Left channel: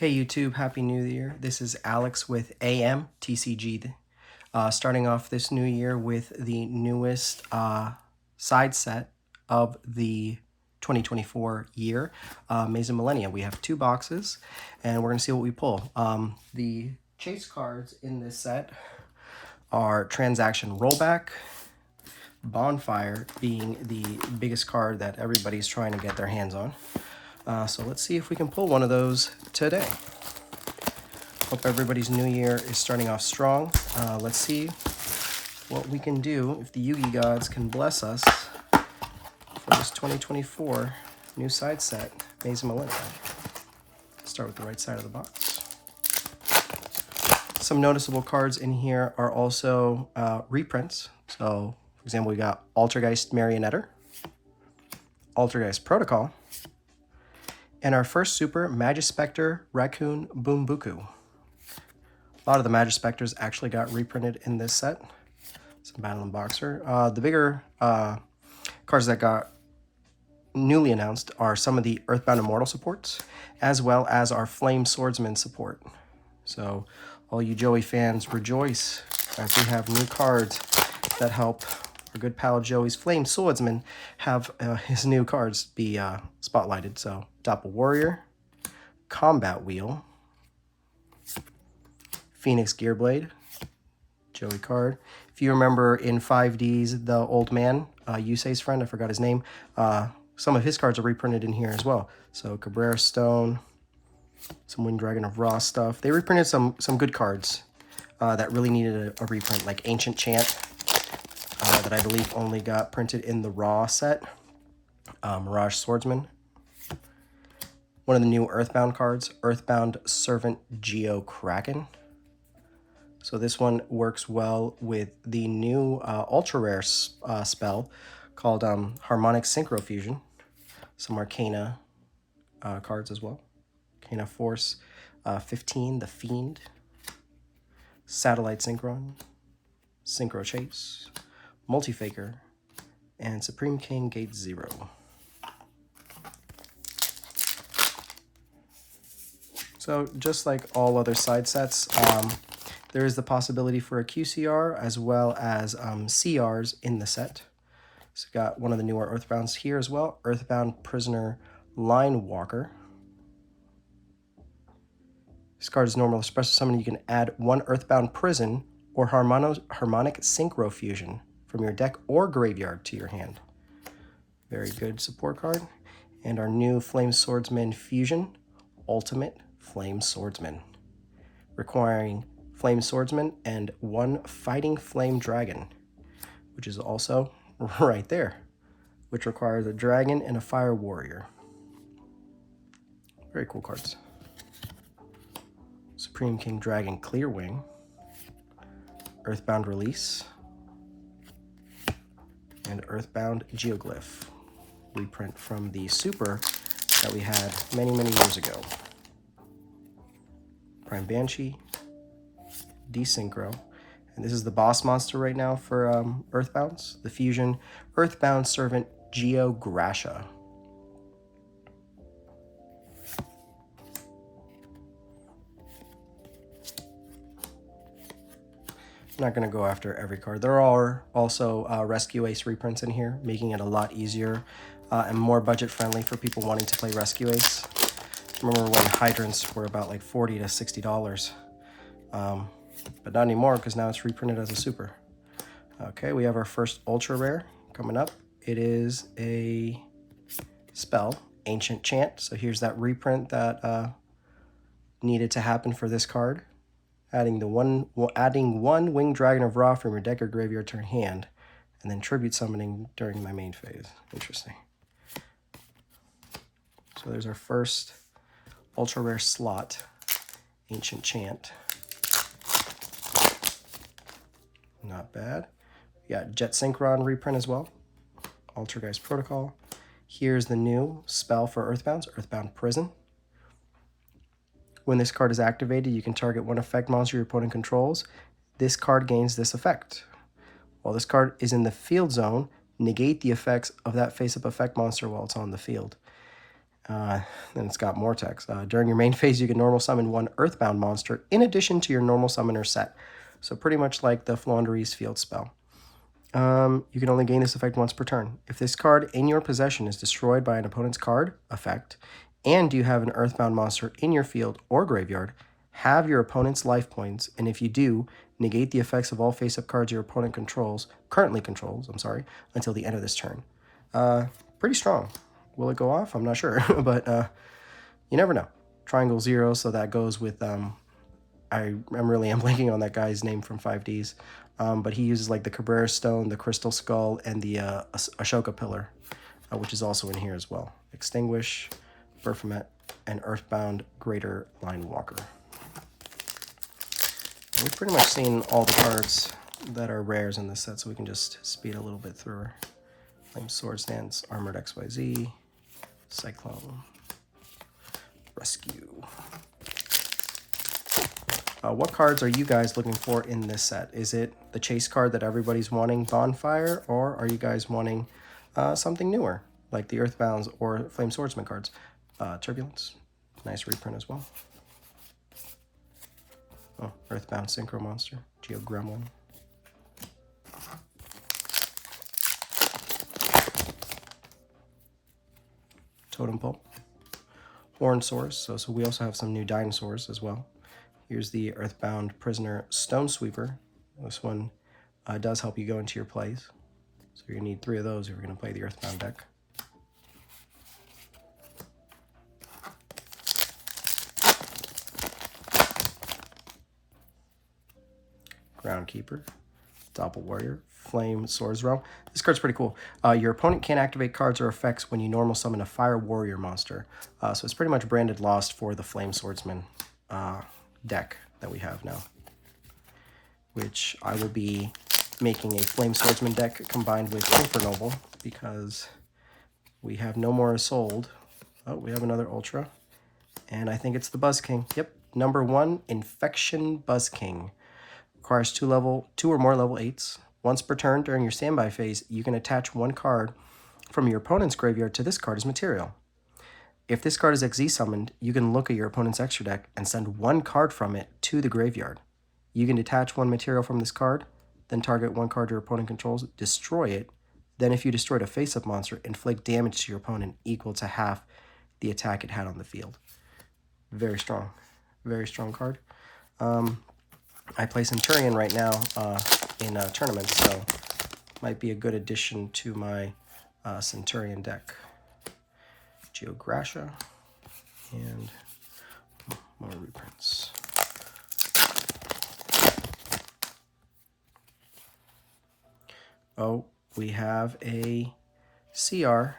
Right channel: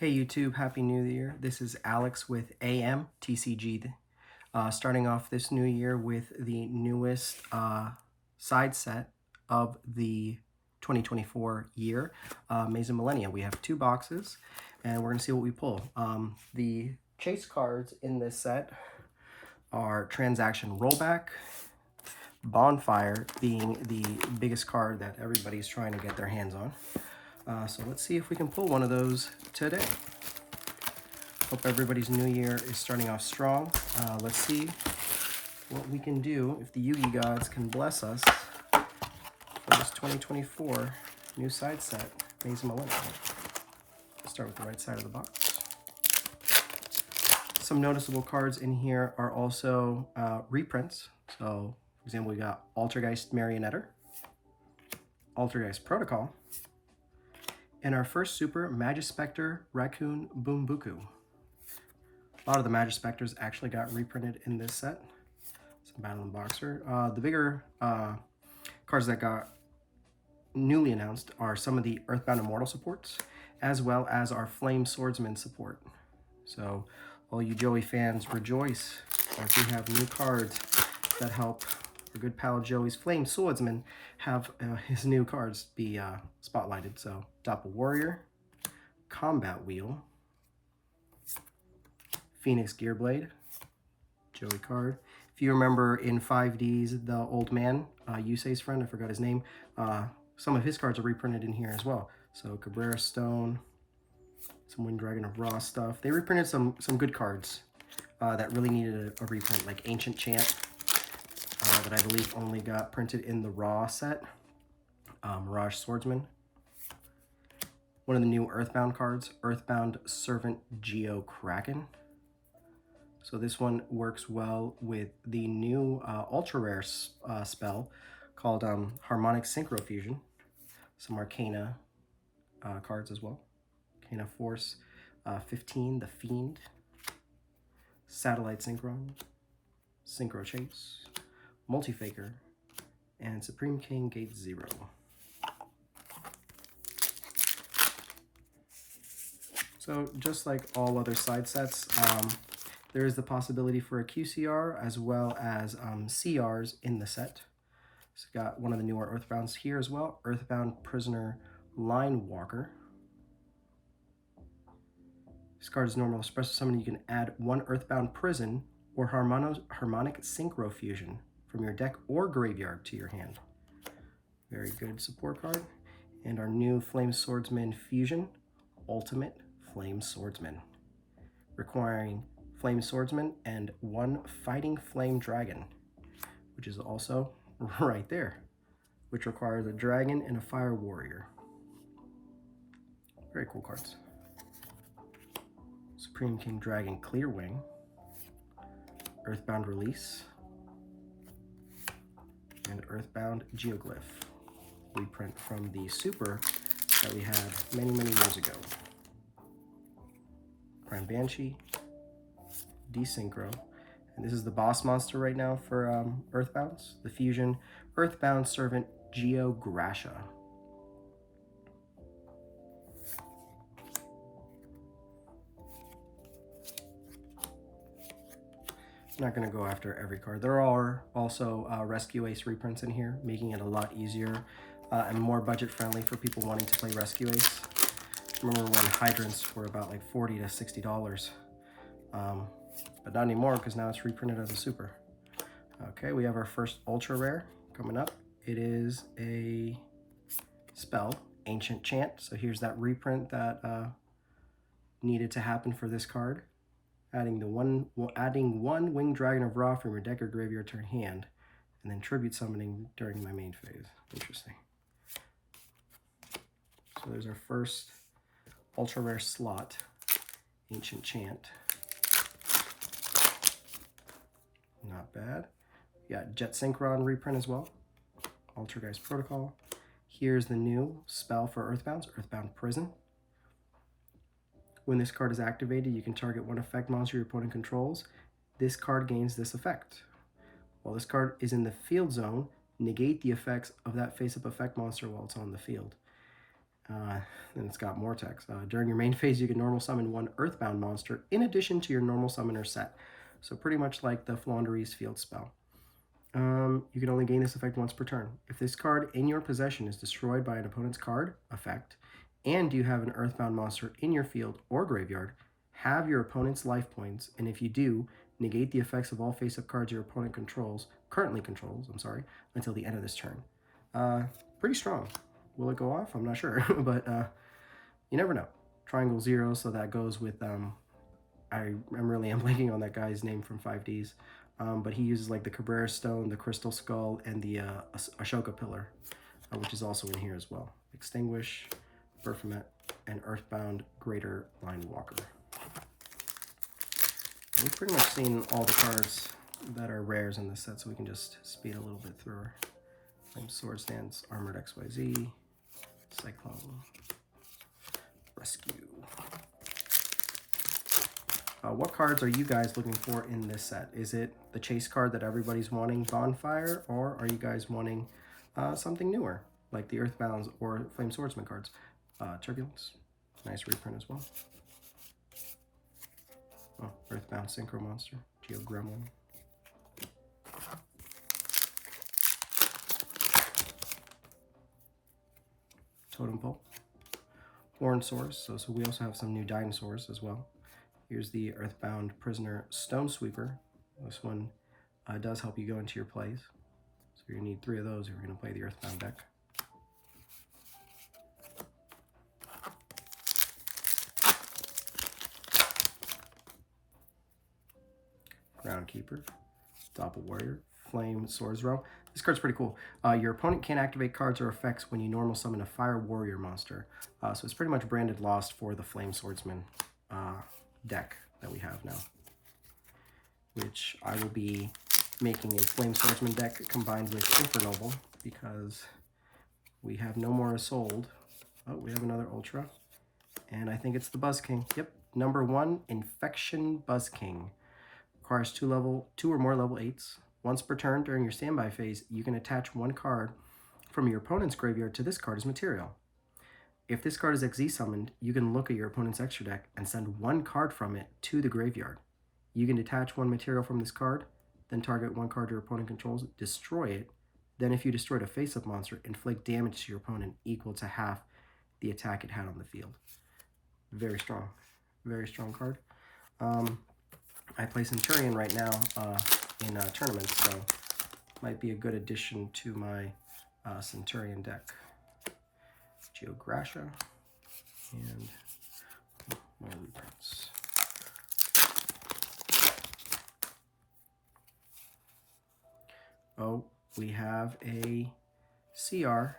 Hey YouTube, Happy New Year. This is Alex with AMTCG. Starting off this new year with the newest side set of the 2024 year, Maze of Millenia. We have two boxes and we're going to see what we pull. The chase cards in this set are Transaction Rollback, Bonfire being the biggest card that everybody's trying to get their hands on. So let's see if we can pull one of those today. Hope everybody's new year is starting off strong. Let's see what we can do if the Yugi gods can bless us for this 2024 new side set, Maze of Millenia. Start with the right side of the box. Some noticeable cards in here are also reprints. So, for example, we got Altergeist Marionetter, Altergeist Protocol, and our first super, Magispector Raccoon Boombuku. A lot of the Magispectors actually got reprinted in this set. Some Battle and Boxer. The bigger cards that got newly announced are some of the Earthbound Immortal supports, as well as our Flame Swordsman support. So all you Joey fans, rejoice as we have new cards that help our good pal Joey's Flame Swordsman have his new cards be spotlighted. So Doppel Warrior, Combat Wheel, Phoenix Gearblade, Joey card. If you remember in 5Ds, the old man, Yusei's friend, I forgot his name, some of his cards are reprinted in here as well. So Cabrera Stone, some Wind Dragon of Raw stuff. They reprinted some good cards that really needed a reprint, like Ancient Chant, that I believe only got printed in the Raw set. Mirage Swordsman. One of the new Earthbound cards, Earthbound Servant Geo Kraken. So this one works well with the new ultra rare spell called Harmonic Synchro Fusion. Some Arcana cards as well. Arcana Force 15, The Fiend, Satellite Synchron, Synchro Chase, Multifaker, and Supreme King Gate 0. So just like all other side sets, there is the possibility for a QCR as well as CRs in the set. So got one of the newer Earthbounds here as well, Earthbound Prisoner Line Walker. This card is normal special summon. You can add one Earthbound Prison or Harmonic Synchro Fusion from your deck or graveyard to your hand. Very good support card. And our new Flame Swordsman Fusion, Ultimate Flame Swordsman, requiring Flame Swordsman and one Fighting Flame Dragon, which is also right there, which requires a dragon and a fire warrior. Very cool cards. Supreme King Dragon Clearwing, Earthbound Release, and Earthbound Geoglyph, reprint from the super that we had many years ago. Prime Banshee, Desynchro, and this is the boss monster right now for Earthbounds, the fusion Earthbound Servant Geo Grasha. I'm not going to go after every card. There are also Rescue Ace reprints in here, making it a lot easier and more budget friendly for people wanting to play Rescue Ace. Remember when hydrants were about like $40 to $60. But not anymore because now it's reprinted as a super. Okay, we have our first ultra rare coming up. It is a spell, Ancient Chant. So here's that reprint that needed to happen for this card. Adding one Winged Dragon of Ra from your deck or graveyard to your hand, and then tribute summoning during my main phase. Interesting. So there's our first ultra rare slot, Ancient Chant. Not bad. We got Jet Synchron reprint as well. Altergeist Protocol. Here's the new spell for Earthbounds, Earthbound Prison. When this card is activated, you can target one effect monster your opponent controls. This card gains this effect. While this card is in the field zone, negate the effects of that face-up effect monster while it's on the field. Then it's got more text. During your main phase, you can normal summon one Earthbound monster in addition to your normal summoner set. So pretty much like the Flaunderies field spell. You can only gain this effect once per turn. If this card in your possession is destroyed by an opponent's card effect, and you have an Earthbound monster in your field or graveyard, have your opponent's life points, and if you do, negate the effects of all face-up cards your opponent currently controls, until the end of this turn. Pretty strong. Will it go off? I'm not sure, but you never know. Triangle 0, so that goes with, I'm blanking on that guy's name from 5Ds, but he uses like the Cabrera Stone, the Crystal Skull, and the Ashoka Pillar, which is also in here as well. Extinguish, Berfomet, and Earthbound Greater Line Walker. We've pretty much seen all the cards that are rares in this set, so we can just speed a little bit through her. Flame Swords Dance, Armored XYZ, Cyclone, Rescue. What cards are you guys looking for in this set? Is it the chase card that everybody's wanting, Bonfire, or are you guys wanting something newer, like the Earthbounds or Flame Swordsman cards? Turbulence, nice reprint as well. Oh, Earthbound Synchro Monster, Geo Gremlin. Totem Pole, Horn Source, so we also have some new dinosaurs as well. Here's the Earthbound Prisoner Stone Sweeper. This one does help you go into your plays. So you're going to need 3 of those if you're going to play the Earthbound deck. Groundkeeper, Doppel Warrior, Flame Swords Realm. This card's pretty cool. Your opponent can't activate cards or effects when you normal summon a Fire Warrior monster. So it's pretty much branded Lost for the Flame Swordsman deck that we have now, which I will be making a Flame Swordsman deck combined with Infernoble because we have no more sold. Oh, we have another Ultra, and I think it's the Buzz King. Yep, number 1, Infection Buzz King. Requires 2 or more level 8s. Once per turn during your standby phase, you can attach 1 card from your opponent's graveyard to this card as material. If this card is XZ summoned, you can look at your opponent's extra deck and send 1 card from it to the graveyard. You can detach 1 material from this card, then target 1 card your opponent controls, destroy it, then if you destroyed a face-up monster, inflict damage to your opponent equal to half the attack it had on the field. Very strong card. I play Centurion right now in tournaments, so might be a good addition to my Centurion deck. Geogracia and more reprints. Oh, we have a CR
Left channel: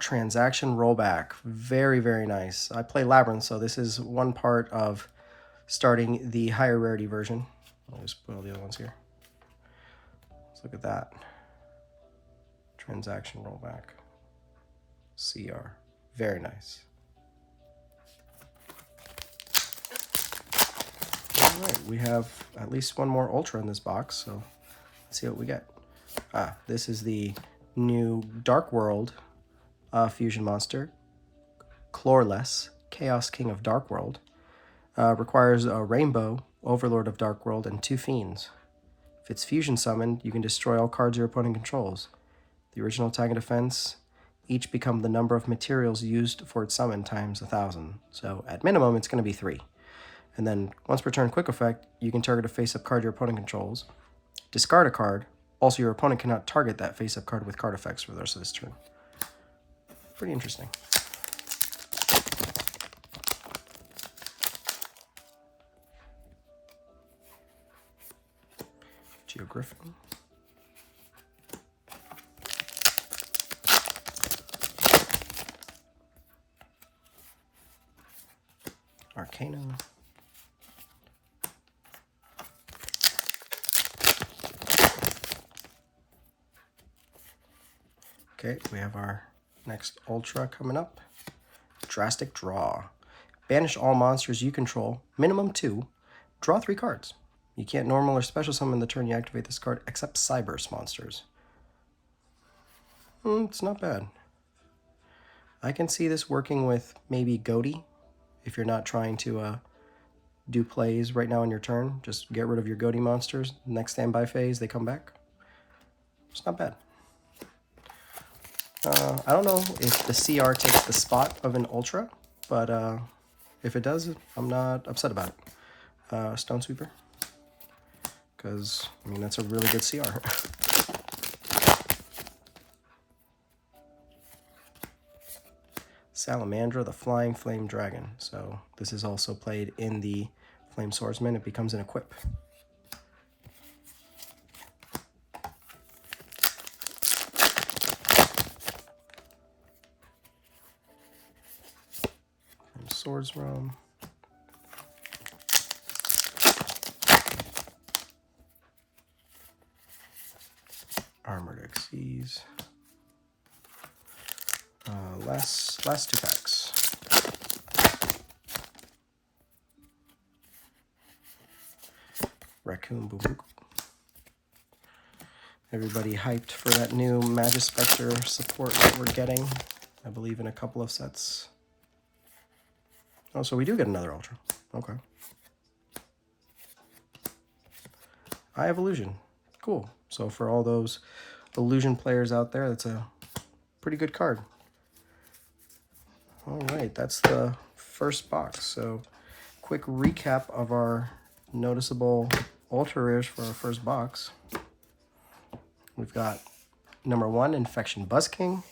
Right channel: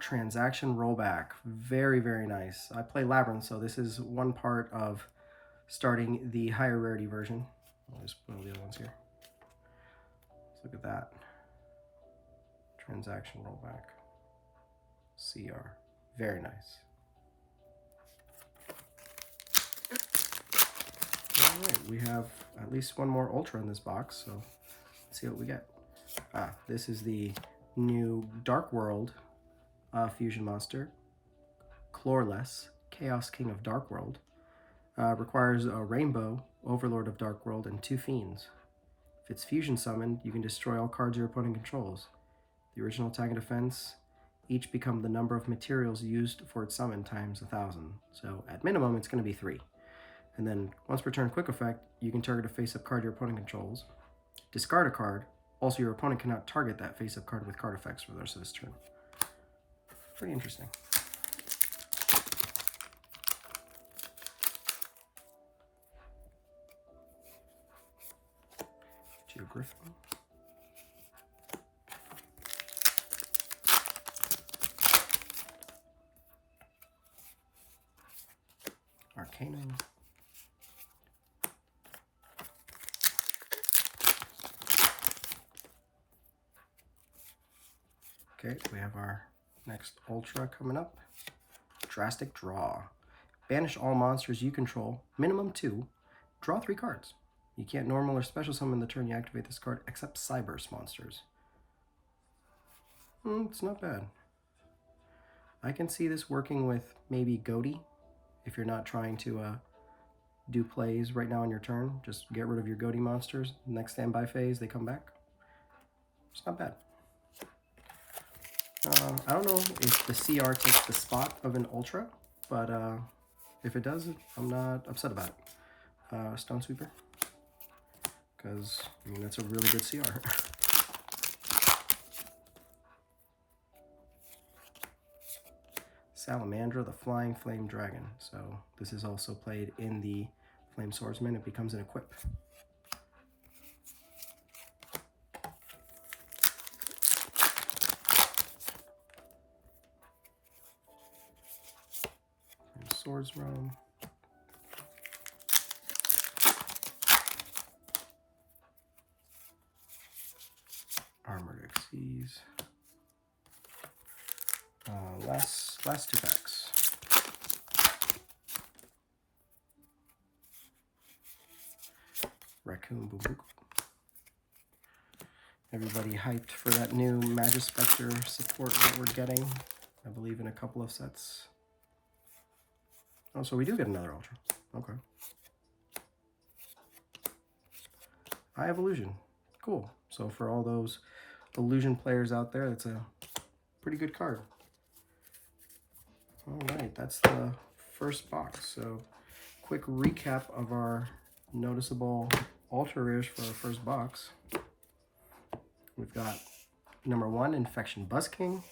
transaction rollback. Very, very nice. I play Labyrinth, so this is one part of starting the higher rarity version. I'll just put all the other ones here. Let's look at that. Transaction rollback. CR. Very nice. All right, we have at least 1 more Ultra in this box, so let's see what we get. This is the new Dark World fusion monster, Chlorless, Chaos King of Dark World. Requires a Rainbow, Overlord of Dark World, and 2 Fiends. If it's fusion summoned, you can destroy all cards your opponent controls. The original attack and defense each become the number of materials used for its summon times 1,000. So at minimum, it's going to be 3. And then once per turn quick effect, you can target a face-up card your opponent controls, discard a card. Also, your opponent cannot target that face-up card with card effects for the rest of this turn. Pretty interesting. Geogriffin. Arcanum. Okay, we have our next Ultra coming up. Drastic Draw. Banish all monsters you control, minimum 2. Draw 3 cards. You can't normal or special summon the turn you activate this card except Cyberse monsters. It's not bad. I can see this working with maybe Goaty if you're not trying to do plays right now on your turn. Just get rid of your Goaty monsters. Next standby phase, they come back. It's not bad. I don't know if the CR takes the spot of an Ultra, but if it does, I'm not upset about it. Stone Sweeper, because, I mean, that's a really good CR. Salamandra, the Flying Flame Dragon. So this is also played in the Flame Swordsman. It becomes an equip. Flame Swords Realm. Armored Xyz. Last 2 packs. Raccoon Boom Boom. Everybody hyped for that new Magispector support that we're getting, I believe, in a couple of sets. Oh, so we do get another Ultra. Okay. Eye of Illusion. Cool. So for all those Illusion players out there, that's a pretty good card. All right, that's the first box. So quick recap of our noticeable Ultra rares for our first box. We've got number 1, Infection Buzzking,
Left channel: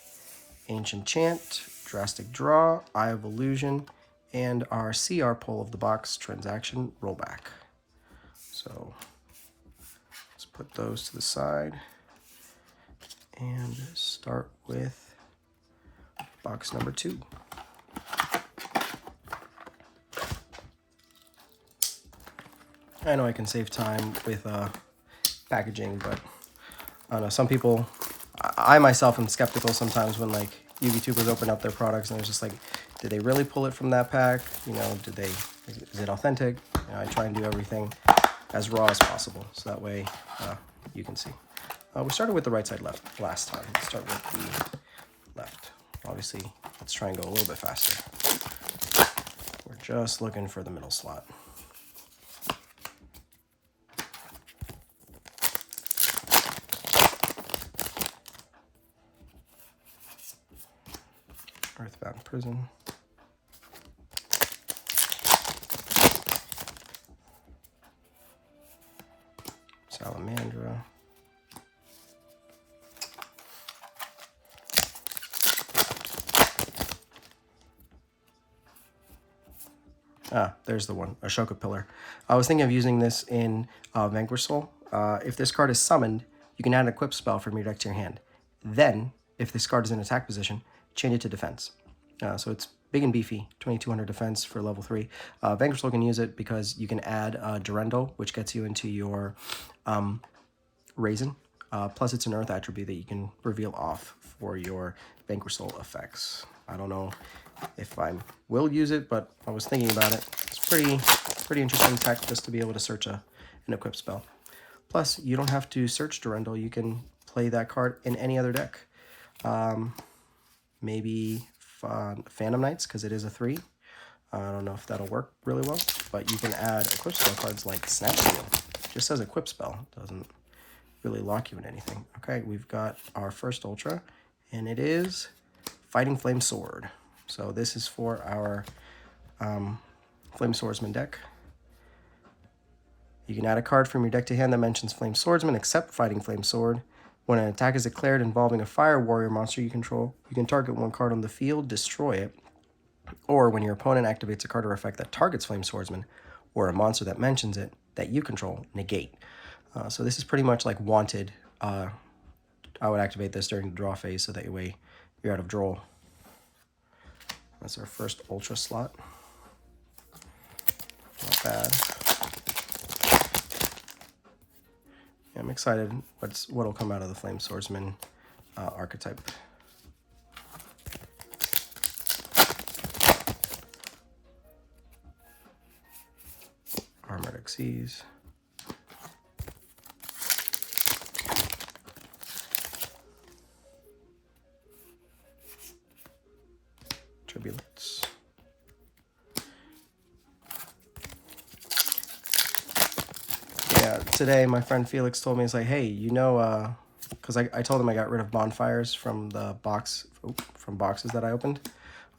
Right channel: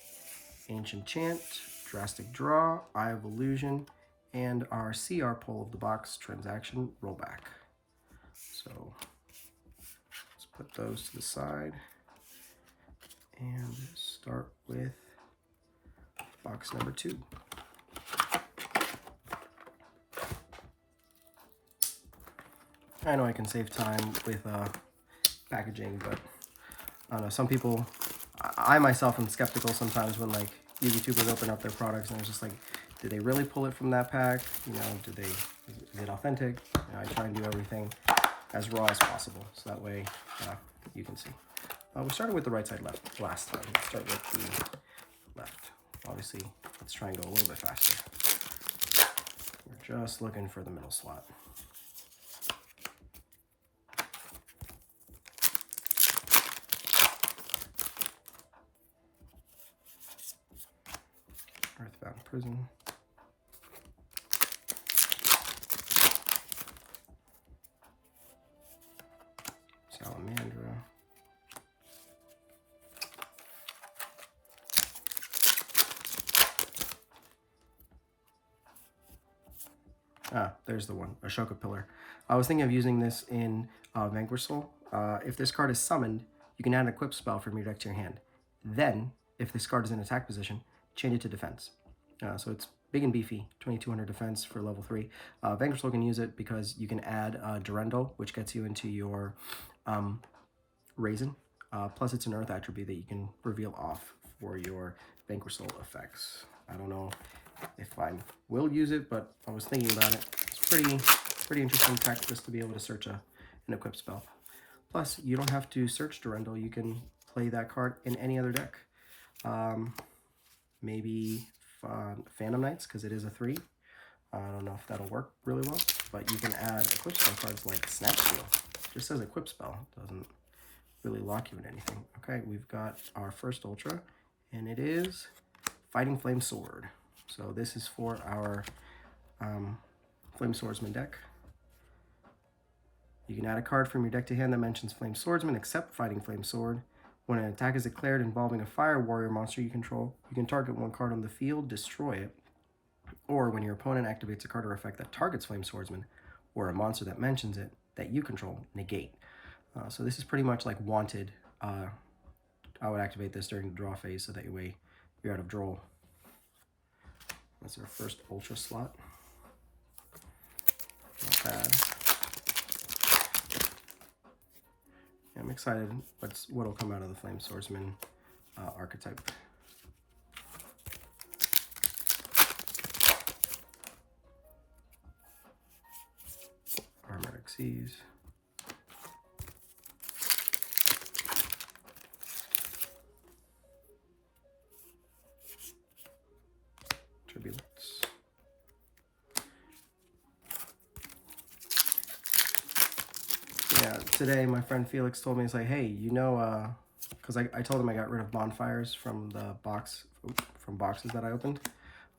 Ancient Chant, Drastic Draw, Eye of Illusion, and our CR pull of the box, Transaction Rollback. So let's put those to the side and start with box number 2. I know I can save time with packaging, but I don't know, some people, I myself am skeptical sometimes when like YouTubers open up their products and it's just like, did they really pull it from that pack? You know, is it authentic? You know, I try and do everything as raw as possible, so that way you can see. We started with the right side left last time. Let's start with the left. Obviously, let's try and go a little bit faster. We're just looking for the middle slot. Earthbound Prison. Salamandra. There's the one, Ashoka Pillar. I was thinking of using this in Vanquish Soul. If this card is summoned, you can add an equip spell from your deck to your hand. Then, if this card is in attack position, change it to defense. So it's big and beefy, 2200 defense for level 3. Vanquish Soul can use it because you can add Durendo, which gets you into your Raisin. Plus, it's an Earth attribute that you can reveal off for your Vanquish Soul effects. I don't know if I will use it, but I was thinking about it. It's pretty interesting tech just to be able to search an equip spell. Plus, you don't have to search Durendal. You can play that card in any other deck. Maybe Phantom Knights, because it is a 3. I don't know if that'll work really well, but you can add equip spell cards like Snap Seal. Just as equip spell, doesn't really lock you in anything. Okay, we've got our first Ultra, and it is Fighting Flame Sword. So this is for our Flame Swordsman deck. You can add a card from your deck to hand that mentions Flame Swordsman except Fighting Flame Sword. When an attack is declared involving a Fire Warrior monster you control, you can target one card on the field, destroy it. Or when your opponent activates a card or effect that targets Flame Swordsman, or a monster that mentions it that you control, negate. So this is pretty much like Wanted. I would activate this during the draw phase so that way you're out of draw. That's our first Ultra slot. Not bad. Yeah, I'm excited what'll come out of the Flame Swordsman archetype. Armored Xyz. Yeah, today my friend Felix told me, he's like, hey, you know, because I told him I got rid of bonfires from the from boxes that I opened.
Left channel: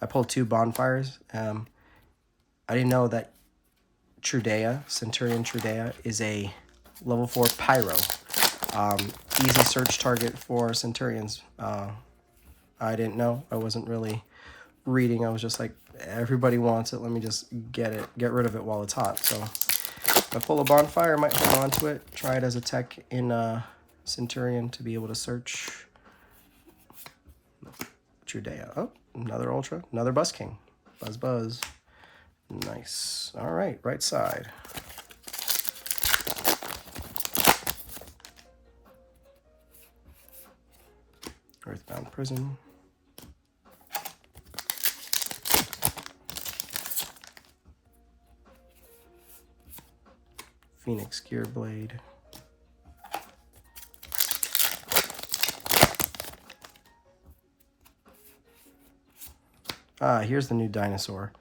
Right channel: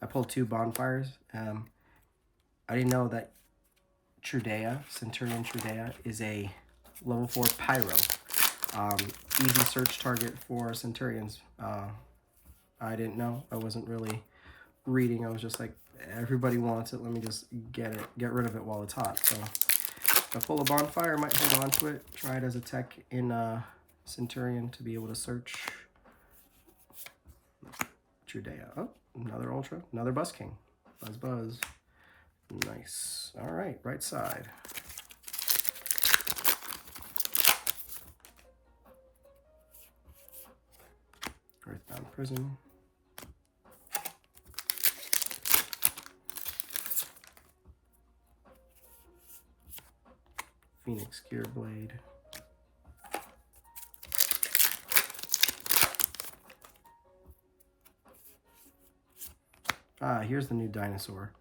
I pulled 2 bonfires. I didn't know that Trudea, Centurion Trudea, is a level 4 pyro. Easy search target for Centurions. I didn't know. I wasn't really reading. I was just like, everybody wants it. Let me just get rid of it while it's hot. So if I pull a bonfire, I might hold on to it. Try it as a tech in Centurion to be able to search Trudea. Oh, another Ultra, another Buzz King. Buzz, buzz. Nice. All right, right side. Earthbound Prison. Phoenix Gear Blade. Here's the new dinosaur.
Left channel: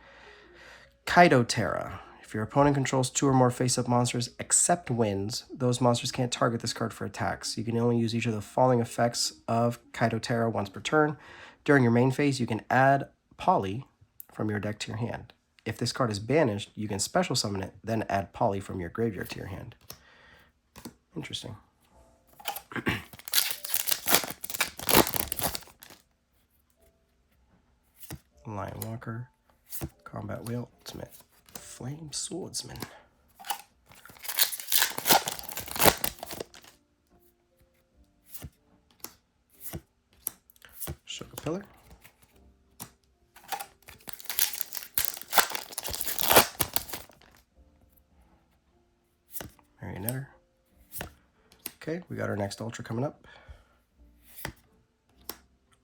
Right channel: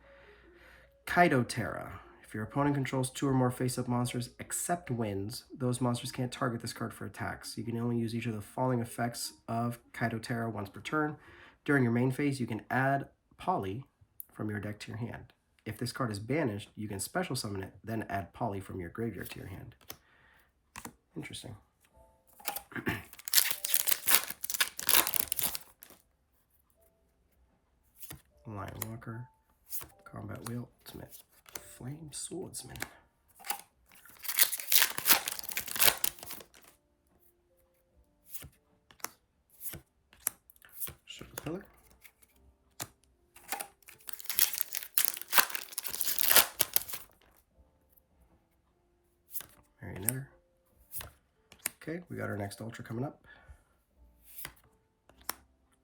Kaidotera. If your opponent controls 2 or more face-up monsters except wins, those monsters can't target this card for attacks. You can only use each of the following effects of Kaidotera once per turn. During your main phase, you can add Poly from your deck to your hand. If this card is banished, you can special summon it, then add Poly from your graveyard to your hand. Interesting. Lion Walker. Combat Wheel Ultimate. Flame Swordsman. Sugar Pillar. Marionetter. Okay, we got our next Ultra coming up.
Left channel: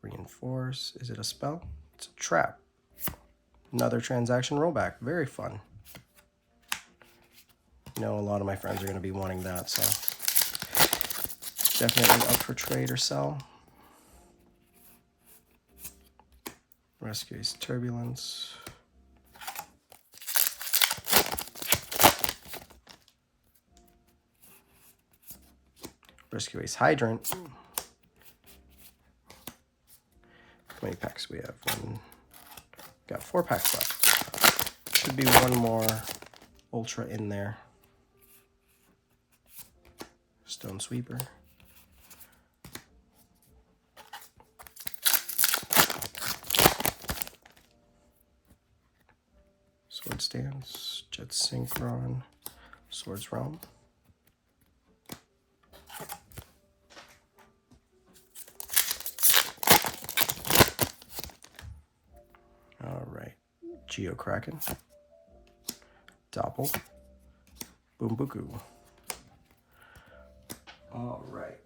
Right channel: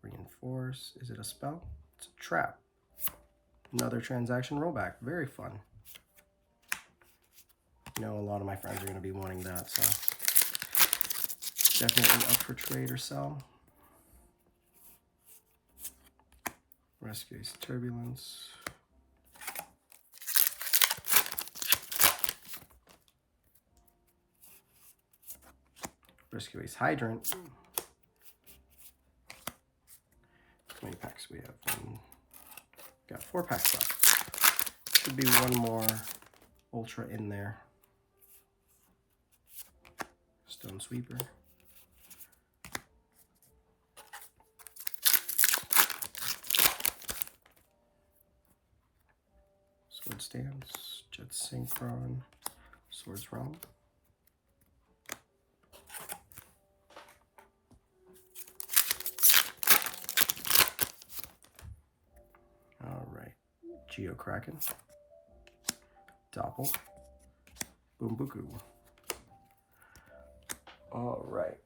Reinforce. Is it a spell? It's a trap. Another transaction rollback. Very fun. You know, a lot of my friends are going to be wanting that, so definitely up for trade or sell. Rescue Ace Turbulence. Rescue Ace Hydrant. How many packs we have? Got 4 packs left. Should be one more Ultra in there. Stone Sweeper. Sword Stance. Jet Synchron. Swords Realm. Alright. Geokraken. Doppel. Boombuku. Alright.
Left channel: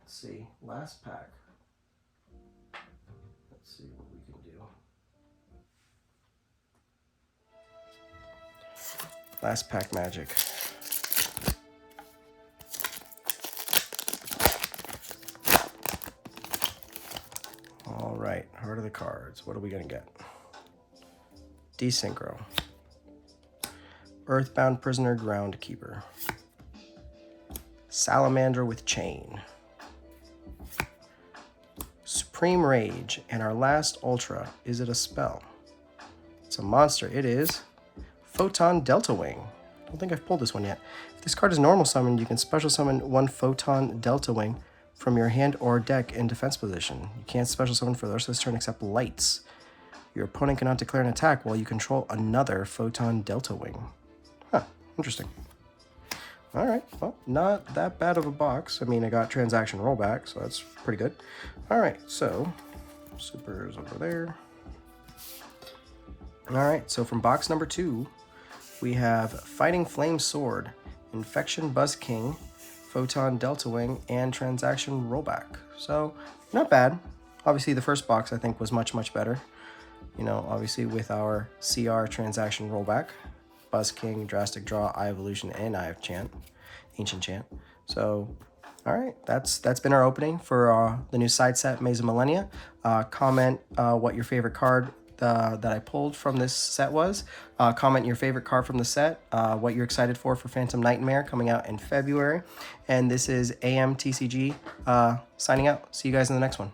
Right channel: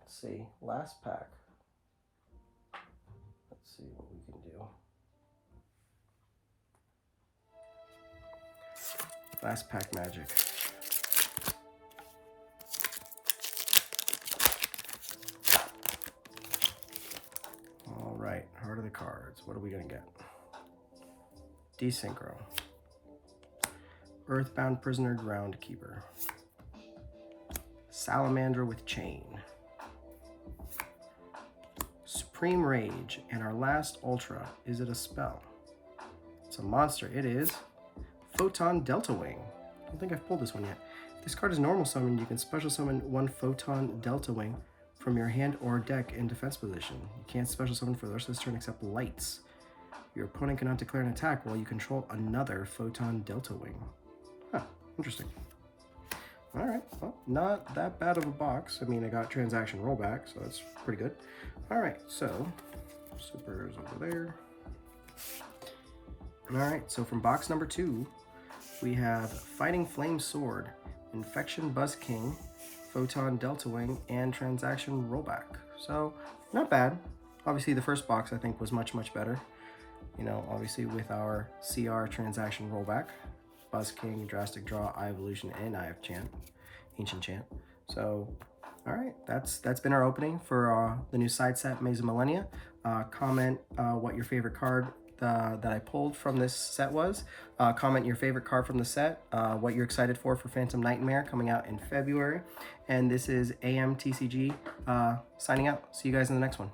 Let's see. Last pack. Let's see what we can do. Last pack magic. Alright. Heart of the cards. What are we going to get? Desynchro. Earthbound Prisoner Groundkeeper. Salamander with Chain. Supreme Rage. And our last Ultra. Is it a spell? It's a monster. It is Photon Delta Wing. I don't think I've pulled this one yet. If this card is normal summoned, you can special summon 1 Photon Delta Wing from your hand or deck in defense position. You can't special summon for the rest of this turn except lights. Your opponent cannot declare an attack while you control another Photon Delta Wing. Huh, interesting. Alright, well, not that bad of a box. I mean, I got transaction rollback, so that's pretty good. Alright, so, Super's over there. Alright, so from box number 2, we have Fighting Flame Sword, Infection Buzz King, Photon Delta Wing, and Transaction Rollback. So, not bad. Obviously, the first box, I think, was much, much better. You know, obviously, with our CR Transaction Rollback, Buzz King, Drastic Draw, Eye Evolution, and Eye of Chant, Ancient Chant. So, all right, that's been our opening for the new side set, Maze of Millenia. Comment what your favorite card that I pulled from this set was. Comment your favorite card from the set, what you're excited for Phantom Nightmare coming out in February. And this is AMTCG signing out. See you guys in the next one.